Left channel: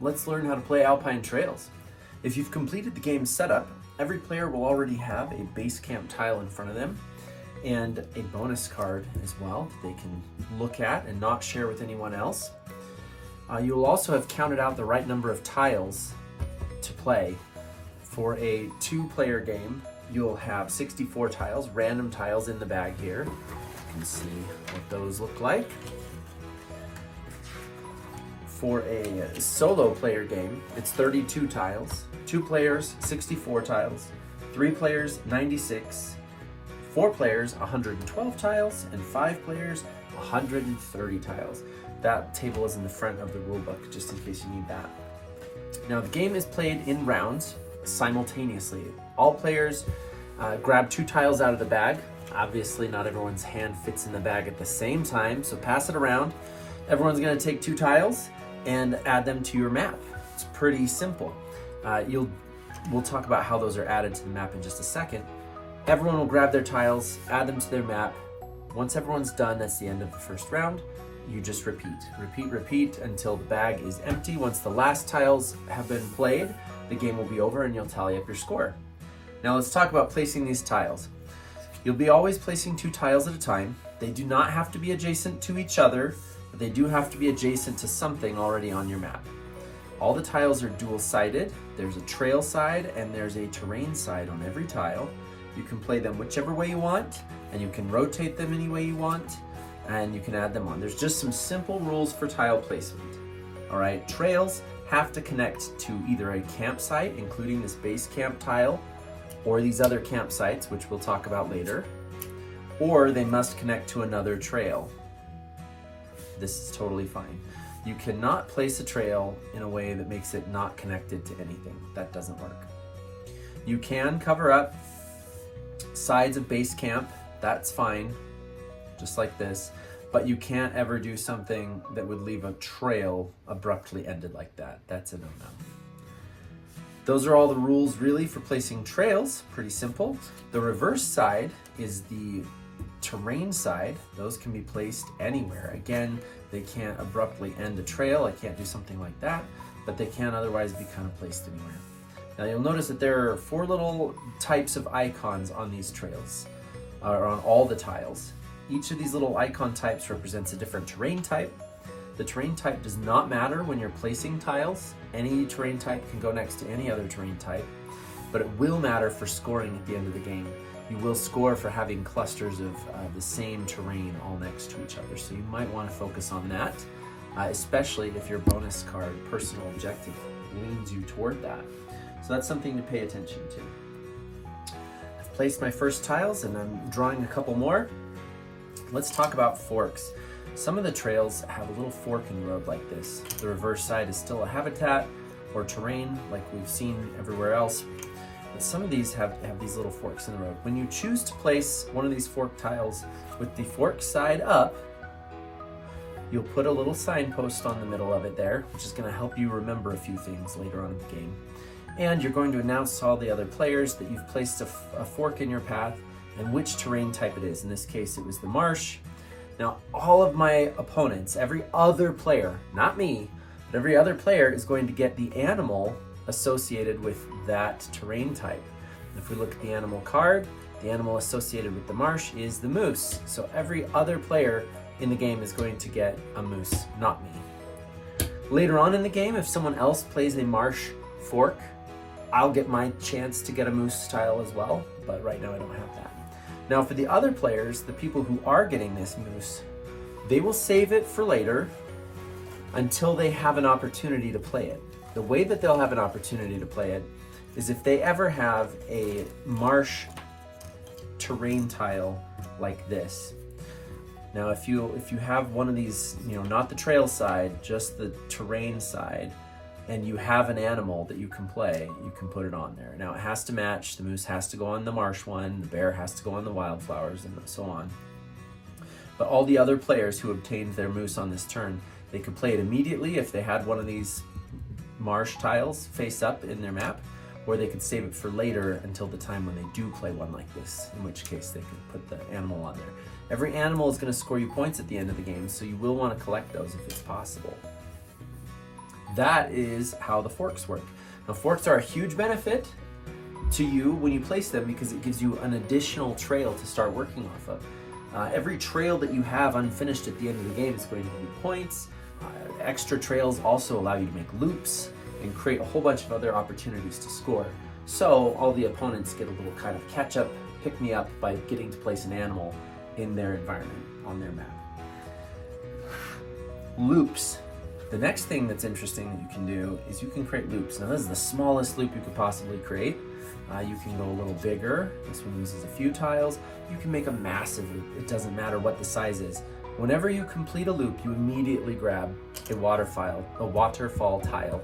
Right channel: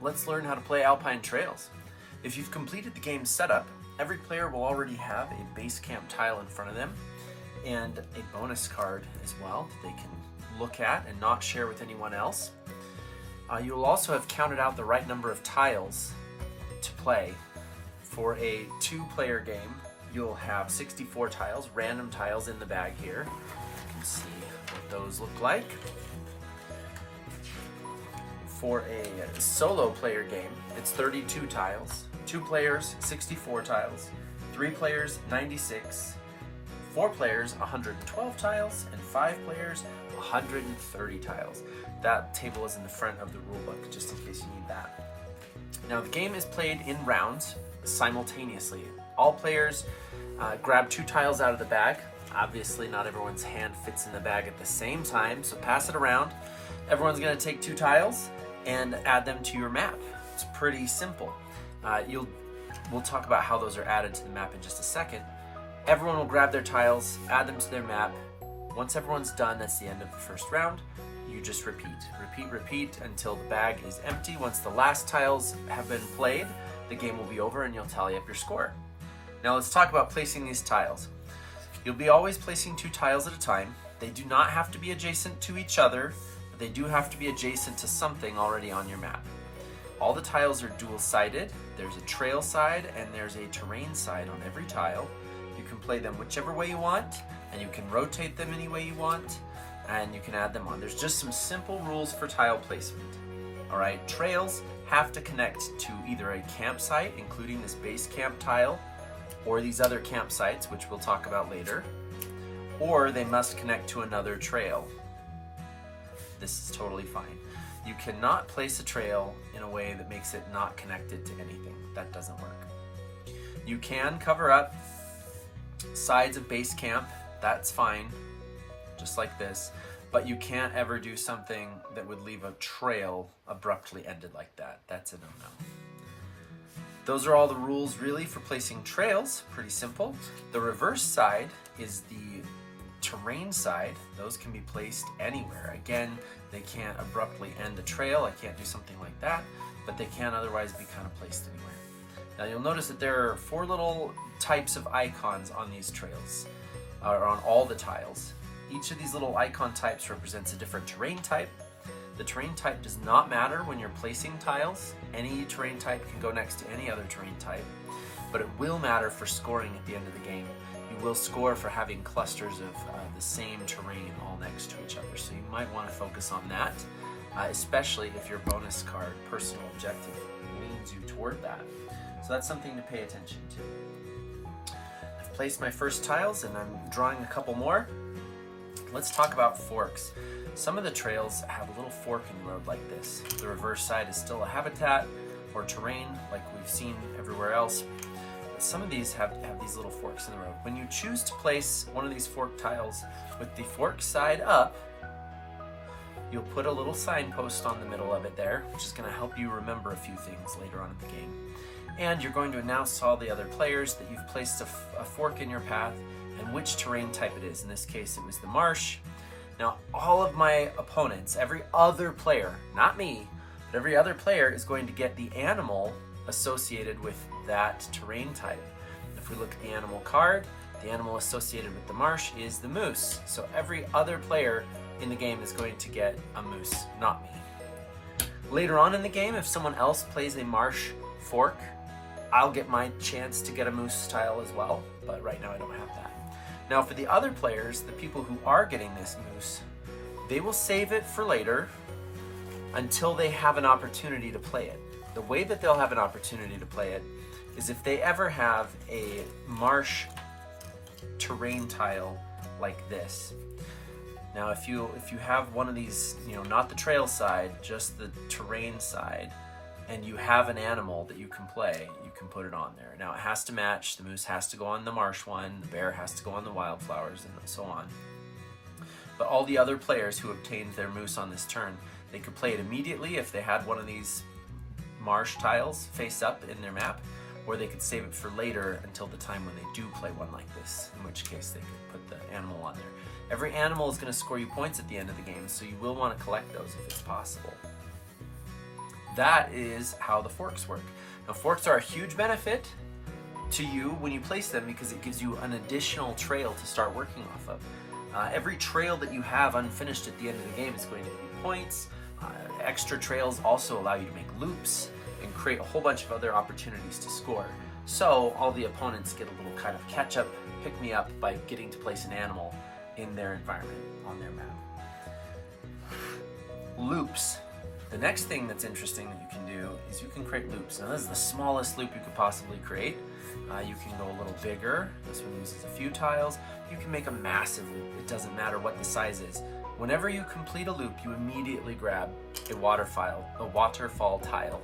let's learn how to play Alpine Trails. If you've completed the game's setup, every player will already have a base camp tile in front of them and a bonus card as well that they can look at and not share with anyone else. You will also have counted out the right number of tiles to play. For a 2-player game, you'll have 64 tiles, random tiles in the bag here. You can see what those look like. For a solo player game, it's 32 tiles. 2 players, 64 tiles. 3 players, 96. 4 players, 112 tiles. And 5 players, 130 tiles. That table is in the front of the rulebook, just in case you need that. Now, the game is played in rounds simultaneously. All players grab 2 tiles out of the bag. Obviously, not everyone's hand fits in the bag at the same time, so pass it around. Everyone's going to take 2 tiles and add them to your map. It's pretty simple. We'll talk about how those are added to the map in just a second. Everyone will grab their tiles, add them to their map. Once everyone's done, that's the end of the first round. You just repeat until the bag is empty. Once the last tiles have been played, the game will be over and you'll tally up your score. Now let's talk about placing these tiles. You'll be always placing 2 tiles at a time. They do not have to be adjacent to each other, but they do have to be adjacent to something already on your map. All the tiles are dual-sided. There's a trail side and there's a terrain side on every tile. You can play them whichever way you want, and you can rotate them any way you want, and you can add them on. There's just some simple rules for tile placement. All right, trails have to connect to either a campsite, including this base camp tile, or these other campsites, which we'll talk about later, or they must connect to another trail. This is totally fine. You cannot place a trail in a way that makes it not connected to anything. That doesn't work. You can cover up sides of base camp, that's fine, just like this, but you can't ever do something that would leave a trail abruptly ended like that. That's a no-no. Those are all the rules really for placing trails, pretty simple. The reverse side is the terrain side. Those can be placed anywhere. Again, they can't abruptly end a trail. I can't do something like that, but they can otherwise be kind of placed anywhere. Now you'll notice that there are 4 little types of icons on these trails, or on all the tiles. Each of these little icon types represents a different terrain type. The terrain type does not matter when you're placing tiles. Any terrain type can go next to any other terrain type, but it will matter for scoring at the end of the game. You will score for having clusters of the same terrain all next to each other, so you might want to focus on that, especially if your bonus card personal objective leans you toward that. So that's something to pay attention to. I've placed my first tiles and I'm drawing a couple more. Let's talk about forks. Some of the trails have a little fork in the road like this. The reverse side is still a habitat or terrain like we've seen everywhere else. But some of these have these little forks in the road. When you choose to place one of these fork tiles with the fork side up, you'll put a little signpost on the middle of it there, which is going to help you remember a few things later on in the game. And you're going to announce to all the other players that you've placed a fork in your path and which terrain type it is. In this case, it was the marsh. Now, all of my opponents, every other player, not me, but every other player is going to get the animal associated with that terrain type. If we look at the animal card, the animal associated with the marsh is the moose. So every other player in the game is going to get a moose, not me. Later on in the game, if someone else plays a marsh fork, I'll get my chance to get a moose tile as well, but right now I don't have that. Now for the other players, the people who are getting this moose, they will save it for later until they have an opportunity to play it. The way that they'll have an opportunity to play it is if they ever have a marsh terrain tile like this. Now if you have one of these, not the trail side, just the terrain side, and you have an animal that you can play, you can put it on there. Now it has to match. The moose has to go on the marsh one, the bear has to go on the wildflowers, and so on. But all the other players who obtained their moose on this turn, they could play it immediately if they had one of these marsh tiles face up in their map, or they could save it for later until the time when they do play one like this, in which case they can put the animal on there. Every animal is going to score you points at the end of the game, so you will want to collect those if it's possible. that is how the forks work. Now, forks are a huge benefit to you when you place them because it gives you an additional trail to start working off of. Every trail that you have unfinished at the end of the game is going to give you points. Extra trails also allow you to make loops and create a whole bunch of other opportunities to score. So all the opponents get a little kind of catch up, pick me up by getting to place an animal in their environment on their map. Loops. The next thing that's interesting that you can do is you can create loops. Now this is the smallest loop you could possibly create. You can go a little bigger. This one uses a few tiles. You can make a massive loop. It doesn't matter what the size is. Whenever you complete a loop, you immediately grab a waterfall tile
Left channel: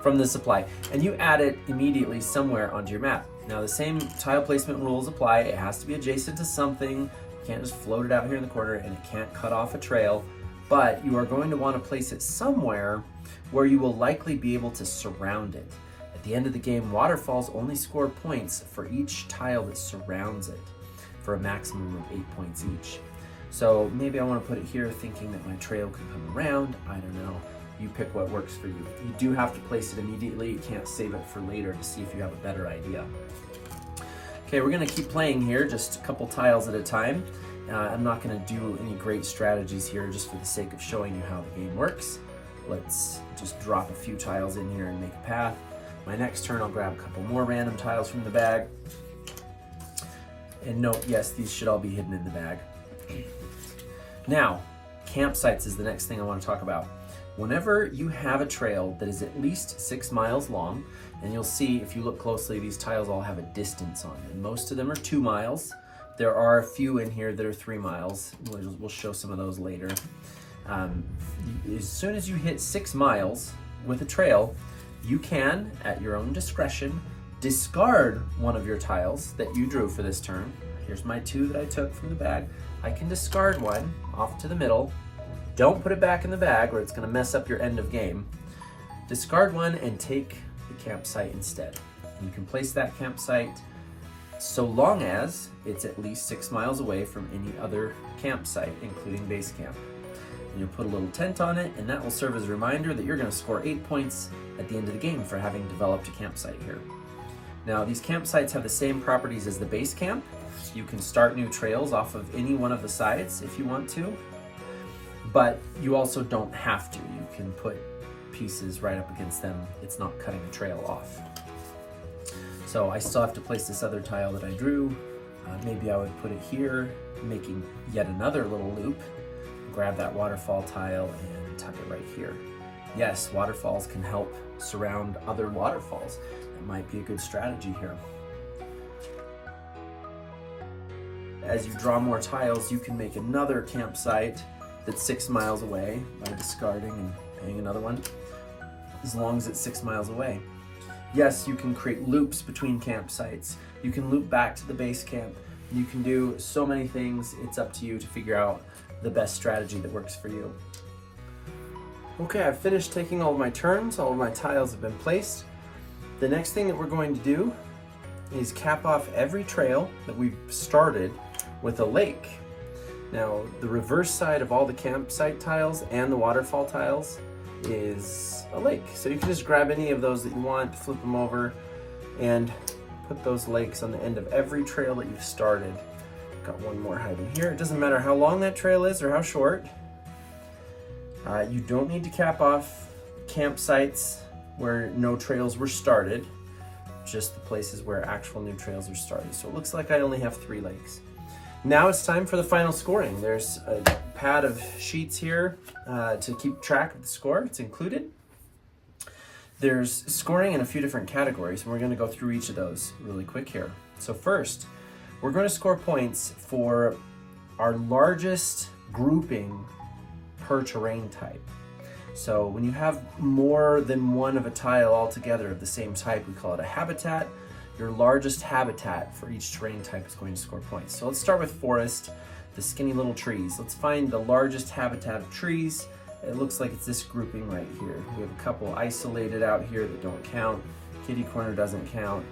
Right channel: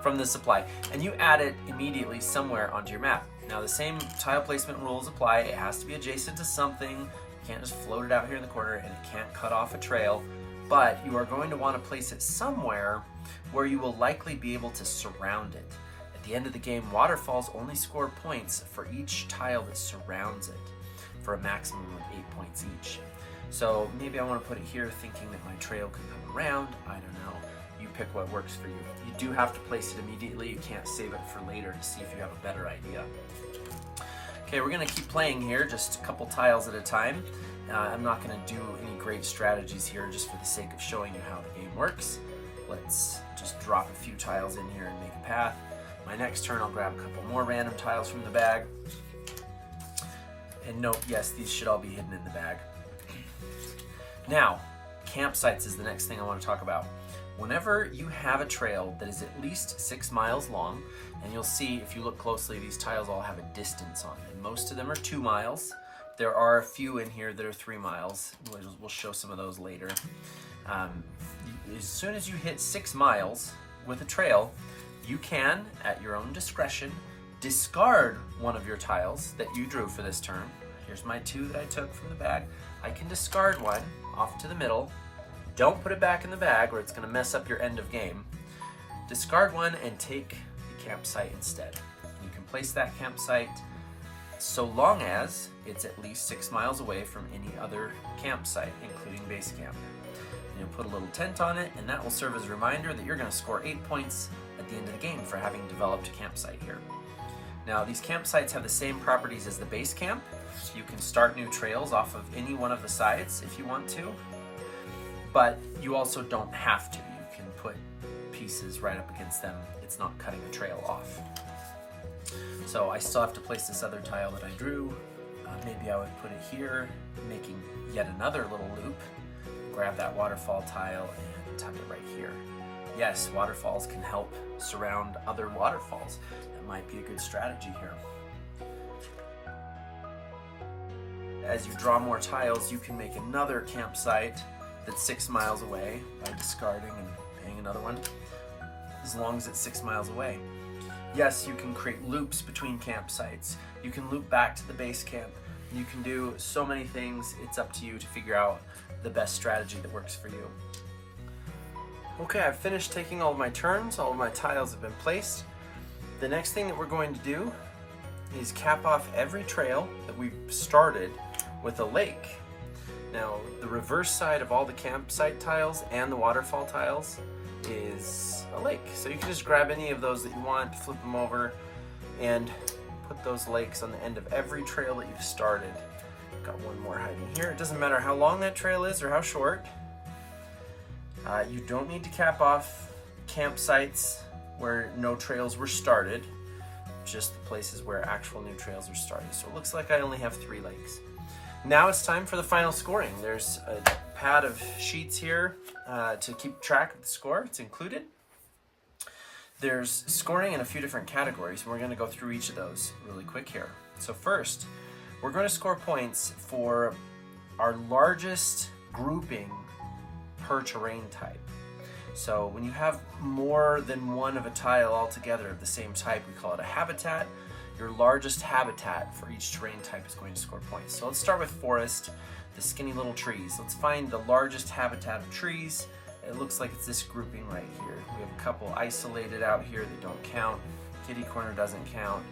from the supply, and you add it immediately somewhere onto your map. Now the same tile placement rules apply. It has to be adjacent to something. You can't just float it out here in the corner, and it can't cut off a trail. But you are going to want to place it somewhere where you will likely be able to surround it. At the end of the game, waterfalls only score points for each tile that surrounds it, for a maximum of 8 points each. So maybe I want to put it here thinking that my trail can come around. I don't know. You pick what works for you. You do have to place it immediately. You can't save it for later to see if you have a better idea. Okay, we're going to keep playing here, just a couple tiles at a time. I'm not going to do any great strategies here just for the sake of showing you how the game works. Let's just drop a few tiles in here and make a path. My next turn I'll grab a couple more random tiles from the bag. And note, yes, these should all be hidden in the bag. Now, campsites is the next thing I want to talk about. Whenever you have a trail that is at least 6 miles long, and you'll see if you look closely, these tiles all have a distance on them. Most of them are 2 miles. There are a few in here that are 3 miles. We'll show some of those later. As soon as you hit 6 miles with a trail, you can, at your own discretion, discard one of your tiles that you drew for this turn. Here's my 2 that I took from the bag. I can discard one off to the middle. Don't put it back in the bag or it's going to mess up your end of game. Discard one and take the campsite instead. You can place that campsite so long as it's at least 6 miles away from any other campsite, including base camp. You'll put a little tent on it, and that will serve as a reminder that you're going to score 8 points at the end of the game for having developed a campsite here. Now, these campsites have the same properties as the base camp. You can start new trails off of any one of the sides if you want to, but you also don't have to. You can put pieces right up against them. It's not cutting the trail off. So I still have to place this other tile that I drew. Maybe I would put it here, making yet another little loop. Grab that waterfall tile and tuck it right here. Yes, waterfalls can help surround other waterfalls. That might be a good strategy here. As you draw more tiles, you can make another campsite that's 6 miles away by discarding and paying another one, as long as it's 6 miles away. Yes, you can create loops between campsites. You can loop back to the base camp. You can do so many things. It's up to you to figure out the best strategy that works for you. Okay, I've finished taking all of my turns. All of my tiles have been placed. The next thing that we're going to do is cap off every trail that we've started with a lake. Now, the reverse side of all the campsite tiles and the waterfall tiles is a lake. So you can just grab any of those that you want, flip them over, and put those lakes on the end of every trail that you've started. Got one more hiding here. It doesn't matter how long that trail is or how short. You don't need to cap off campsites where no trails were started, just the places where actual new trails are started. So it looks like I only have 3 lakes. Now it's time for the final scoring. There's a pad of sheets here to keep track of the score. It's included. There's scoring in a few different categories, and we're going to go through each of those really quick here. So first, we're going to score points for our largest grouping per terrain type. So when you have more than one of a tile altogether of the same type, we call it a habitat. Your largest habitat for each terrain type is going to score points. So let's start with forest, the skinny little trees. Let's find the largest habitat of trees. It looks like it's this grouping right here. We have a couple isolated out here that don't count. Kitty corner doesn't count.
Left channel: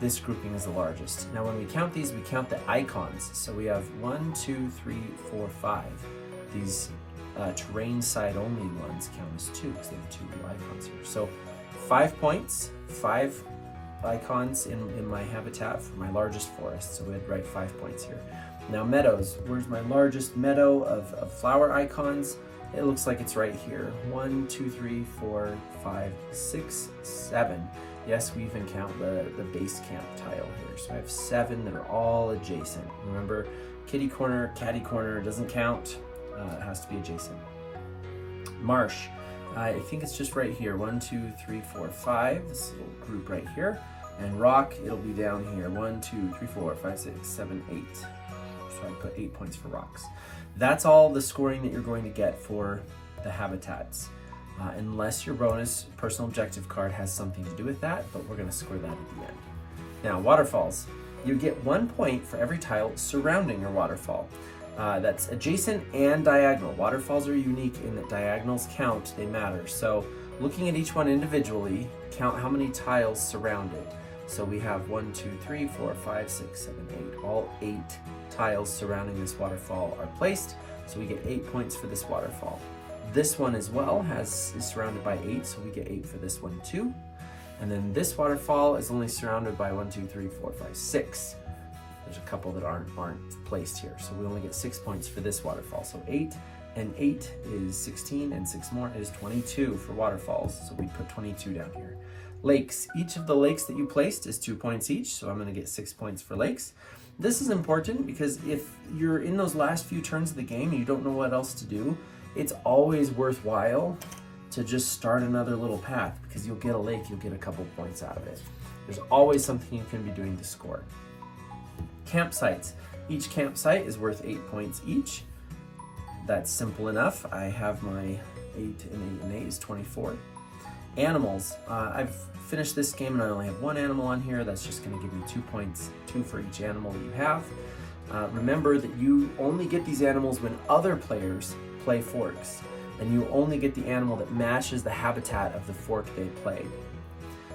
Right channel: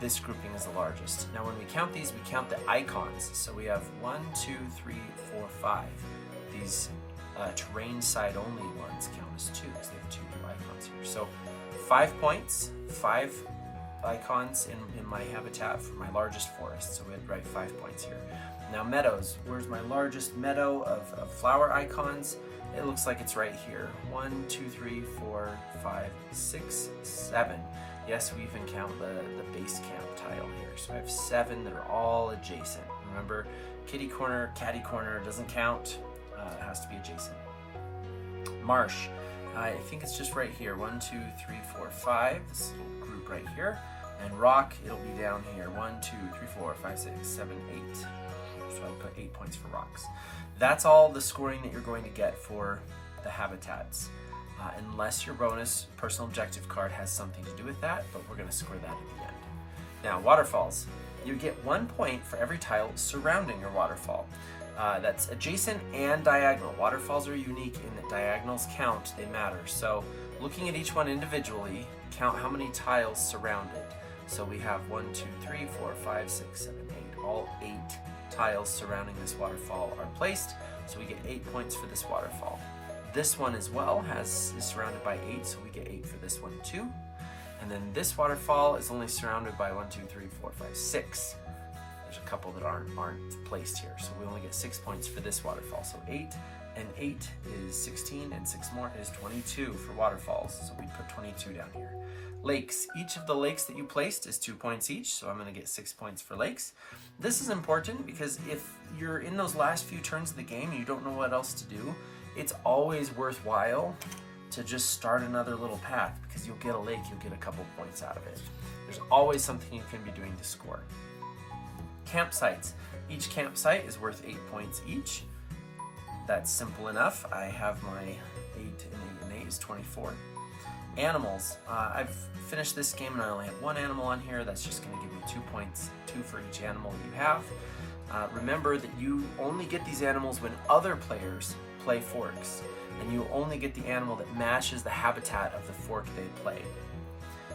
This grouping is the largest. Now when we count these, we count the icons. So we have 1, 2, 3, 4, 5. These terrain side only ones count as 2 because they have 2 icons here. So 5 points, 5 icons in my habitat for my largest forest. So we'd write 5 points here. Now meadows, where's my largest meadow of flower icons? It looks like it's right here. 1, 2, 3, 4, 5, 6, 7. Yes, we even count the base camp tile here. So I have 7 that are all adjacent. Remember, kitty corner, catty corner doesn't count. It has to be adjacent. Marsh, I think it's just right here. 1, 2, 3, 4, 5. This little group right here. And rock, it'll be down here. 1, 2, 3, 4, 5, 6, 7, 8. So I put 8 points for rocks. That's all the scoring that you're going to get for the habitats. Unless your bonus personal objective card has something to do with that, but we're going to score that at the end. Now, waterfalls. You get 1 point for every tile surrounding your waterfall. That's adjacent and diagonal. Waterfalls are unique in that diagonals count, they matter. So looking at each one individually, count how many tiles surround it. So we have 1, 2, 3, 4, 5, 6, 7, 8. All 8 tiles surrounding this waterfall are placed, so we get 8 points for this waterfall. This one as well is surrounded by 8, so we get 8 for this one too. And then this waterfall is only surrounded by 1, 2, 3, 4, 5, 6. There's a couple that aren't placed here, so we only get 6 points for this waterfall. So 8 and 8 is 16, and 6 more is 22 for waterfalls. So we put 22 down here. Lakes. Each of the lakes that you placed is 2 points each, so I'm going to get 6 points for lakes. This is important because if you're in those last few turns of the game and you don't know what else to do, it's always worthwhile to just start another little path, because you'll get a lake, you'll get a couple points out of it. There's always something you can be doing to score. Campsites. Each campsite is worth 8 points each. That's simple enough. I have my 8 and 8 is 24. Animals. I've finished this game and I only have 1 animal on here. That's just going to give me 2 points, 2 for each animal that you have. Remember that you only get these animals when other players play forks, and you only get the animal that matches the habitat of the fork they played.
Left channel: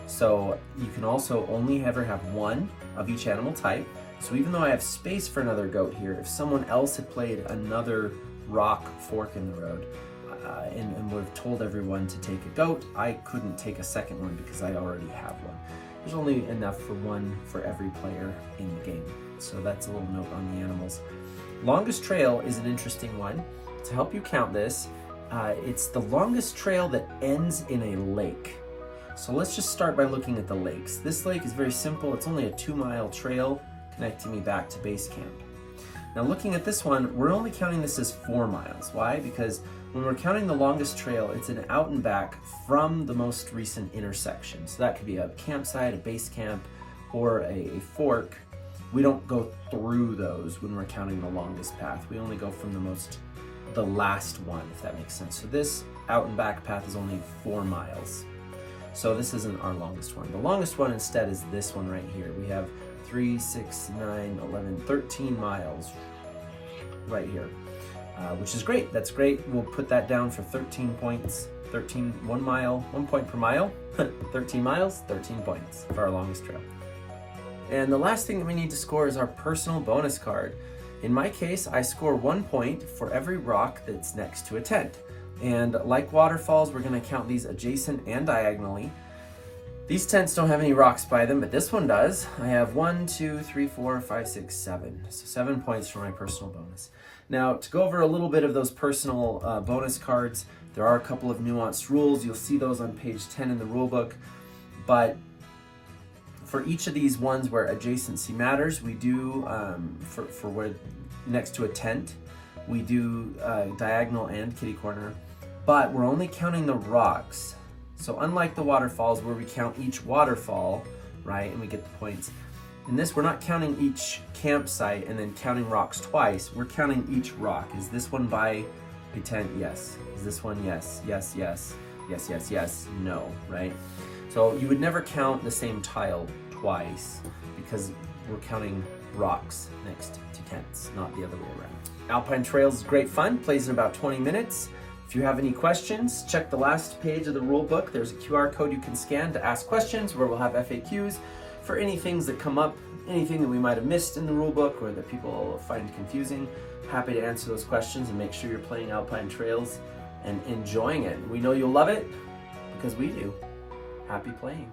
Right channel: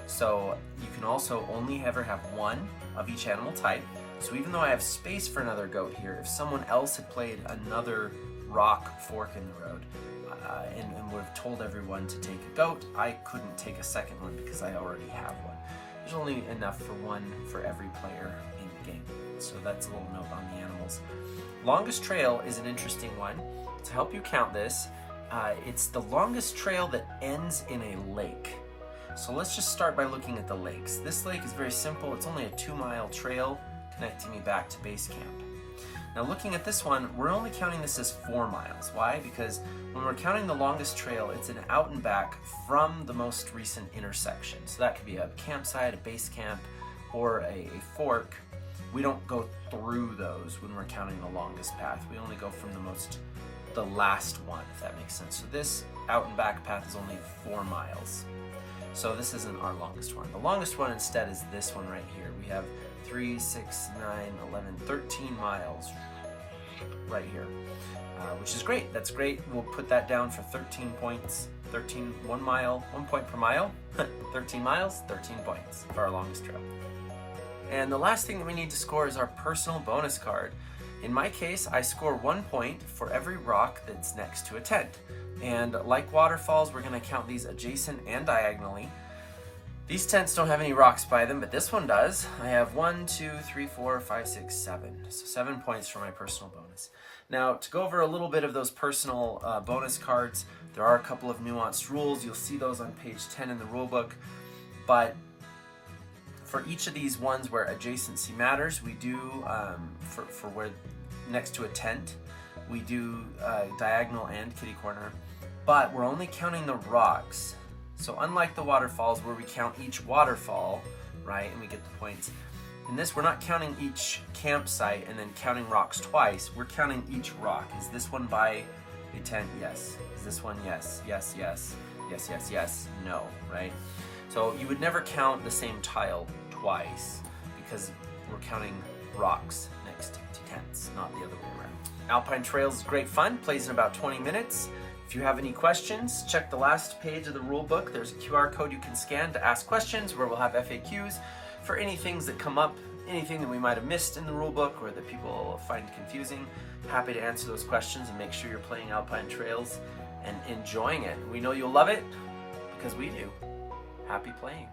So you can also only ever have 1 of each animal type. So even though I have space for another goat here, if someone else had played another rock fork in the road and would have told everyone to take a goat, I couldn't take a second one because I already have one. There's only enough for 1 for every player in the game. So that's a little note on the animals. Longest trail is an interesting one. To help you count this, it's the longest trail that ends in a lake. So let's just start by looking at the lakes. This lake is very simple. It's only a 2-mile trail connecting me back to base camp. Now looking at this one, we're only counting this as 4 miles. Why? Because when we're counting the longest trail, it's an out and back from the most recent intersection. So that could be a campsite, a base camp, or a fork. We don't go through those when we're counting the longest path. We only go from the last one, if that makes sense. So this out and back path is only 4 miles. So this isn't our longest one. The longest one instead is this one right here. We have 3, 6, 9, 11, 13 miles right here, which is great. That's great. We'll put that down for 13 points. 1 point per mile. 13 miles, 13 points for our longest trail. And the last thing that we need to score is our personal bonus card. In my case, I score 1 point for every rock that's next to a tent. And like waterfalls, we're going to count these adjacent and diagonally. These tents don't have any rocks by them, but this one does. I have 1, 2, 3, 4, 5, 6, 7. So 7 points for my personal bonus. Now, to go over a little bit of those personal bonus cards, there are a couple of nuanced rules. You'll see those on page 10 in the rulebook. But for each of these ones where adjacency matters, we do, for where next to a tent, we do diagonal and kitty corner, but we're only counting the rocks. So unlike the waterfalls where we count each waterfall, right, and we get the points, in this we're not counting each campsite and then counting rocks twice. We're counting each rock. Is this one by a tent? Yes. Is this one? Yes. Yes, yes. Yes, yes, yes. No, right? So you would never count the same tile twice because we're counting rocks next to tents, not the other way around. Alpine Trails is great fun, plays in about 20 minutes. If you have any questions, check the last page of the rule book. There's a QR code you can scan to ask questions where we'll have FAQs for any things that come up anything that we might have missed in the rulebook or that people find confusing, happy to answer those questions and make sure you're playing Alpine Trails and enjoying it. We know you'll love it because we do. Happy playing.